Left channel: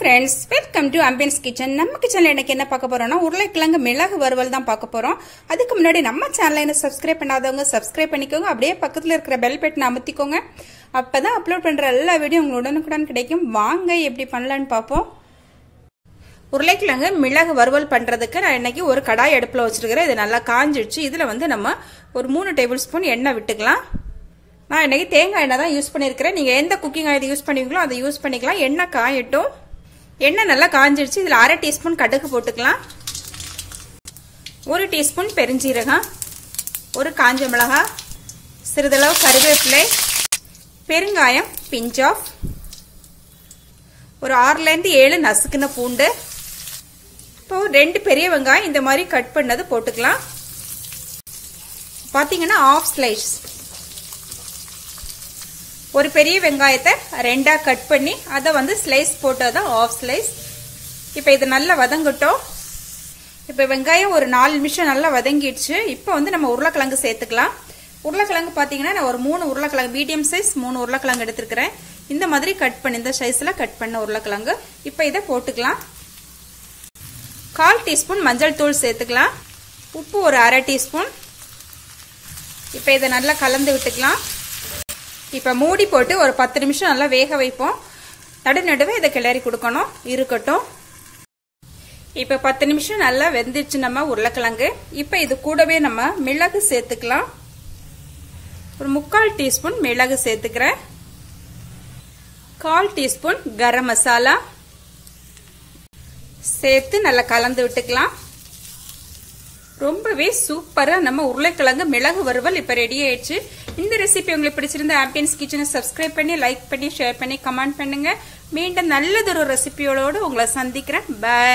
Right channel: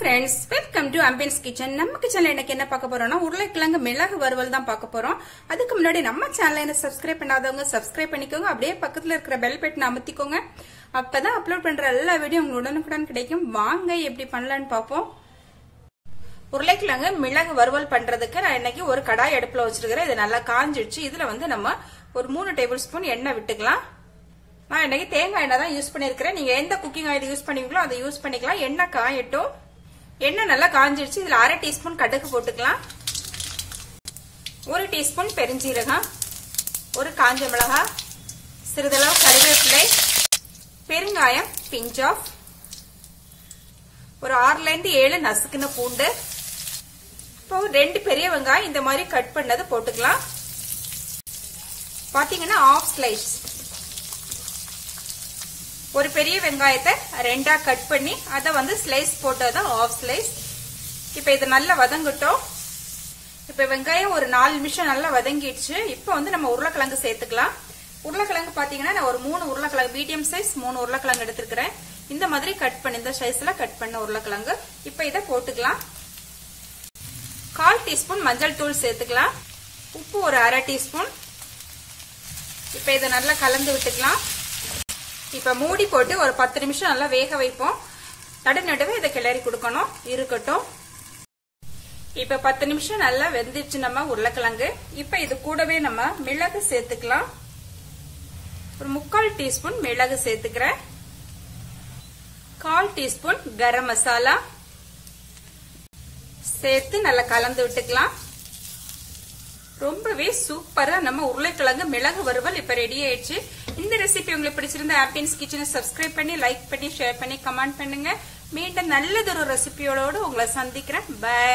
friends, welcome to Ambience kitchen. நம்ம கிச்சன்ல இன்னைக்கு என்ன பார்க்க போறோம்னா உருளைக்கிழங்கு மிளகு வறுவல் தான் பார்க்க போறோம். அதுக்கு முன்னாடி நம்ம சேனலை என்ன சப்ஸ்கிரைப் பண்ணாதவங்க சப்ஸ்கிரைப் பண்ணிக்கோங்க. அப்படியே பக்கத்துல இருக்கிற பெல் பட்டனை அமுத்திக்கோங்க. அப்பதான் அப்லோட் பண்ற எல்லா வீடியோ உங்களுக்கு உடனுக்குடன் கிடைக்கும். வாங்க எப்படி பண்ணலாம்னு பாப்போம். உருளைக்கிழங்கு மிளகு வறுவல் பண்றதுக்கு நான் இன்னைக்கு ஒரு கடாய் அடுப்புல வச்சிருக்கிறேன். இது நல்லா காஞ்சிடுச்சு. இதுல வந்து நம்ம ஒரு 3 டேபிள் ஸ்பூன் எண்ணெய் விட்டுக்கலாம். நான் இன்னைக்கு தேங்காய் எண்ணெய் தான் யூஸ் பண்ணிருக்கிறேன். நீங்க எந்த குக்கிங் ஆயில் யூஸ் பண்ணுவீங்களோ அதை யூஸ் பண்ணிக்கலாம். எண்ணெய் காயட்டும். எண்ணெய் நல்லா காஞ்சிடுச்சு. இதுல 1/2 டீஸ்பூன் கடுகு போட்டுக்கலாம். 1 டீஸ்பூன் பெருஞ்சீரகம், ஒரு காஞ்ச மிளகாய், சிறிதளவு கருவேப்பிலை, பெருங்காயம் பிஞ்ச் ஆஃப், ஒரு 6ல இருந்து 7 நசுக்குன பூண்டு, இப்போ 2 பெரிய வெங்காயம் இந்த மாதிரி கட் பண்ணது போட்டுக்கலாம். பாத்தீங்கன்னா ஆஃப் ஸ்லைஸ் ஒரு பெரிய வெங்காயத்தை 2ஆ கட் பண்ணி அதை வந்து ஸ்லைஸ் போட்டதான் ஆஃப் ஸ்லைஸ். இப்ப இது நல்லா வதங்கட்டும். இப்ப வெங்காயம் ஒரு 4 நிமிஷம் நல்லா வதங்கிடுச்சு. இப்ப வந்து நம்ம உருளைக்கிழங்கு சேர்த்துக்கலாம். உருளைக்கிழங்கு பாத்தீங்கன்னா நான் ஒரு 3 உருளைக்கிழங்கு மீடியம் சைஸ் 3 உருளைக்கிழங்கு எடுத்திருக்கிறேன். இந்த மாதிரி கட் பண்ணி இந்த சைஸ்ல கட் பண்ண உருளைக்கிழங்கு இப்ப இதை போட்டுக்கலாம். 1/4 டீஸ்பூன் மஞ்சள் தூள் சேர்த்துக்கலாம். உப்பு ஒரு 1/2 டீஸ்பூன். இப்ப இதை நல்லா கலந்து விட்டுக்கலாம். இப்ப மூடி போட்டு ஒரு 10 நிமிஷம் நல்லா வேக வைப்போம். நடுவே இதை கிளறி கொடுக்கணும். இருக்கட்டும். இப்ப 10 நிமிஷம் நல்லா வெந்துச்சு நம்ம உருளைக்கிழங்கு. இப்ப இது கூடவே நம்ம மிளகு சேர்த்துக்கலாம். ஒரு 3/4 டீஸ்பூன் மிளகு சேர்த்துக்கிறேன். 1/4 டீஸ்பூன் கரம் மசாலா சேர்த்து நல்லா கலந்து விட்டுக்கலாம். ரொம்பவே சூப்பரா நம்ம உருளைக்கிழங்கு மிளகு வறுவல் இப்ப ரெடி ஆயிடுச்சு. இந்த ரெசிபி உங்களுக்கு பிடிச்சிருந்தா ஆம்பியன்ஸ் கிச்சனை சப்ஸ்கிரைப் பண்ணி லைக் பண்ணி ஷேர் பண்ணி கமெண்ட் பண்ணுங்க. மீண்டும் நல்லதொரு ரெசிபியோட உங்களை சந்திக்கிறேன். பை.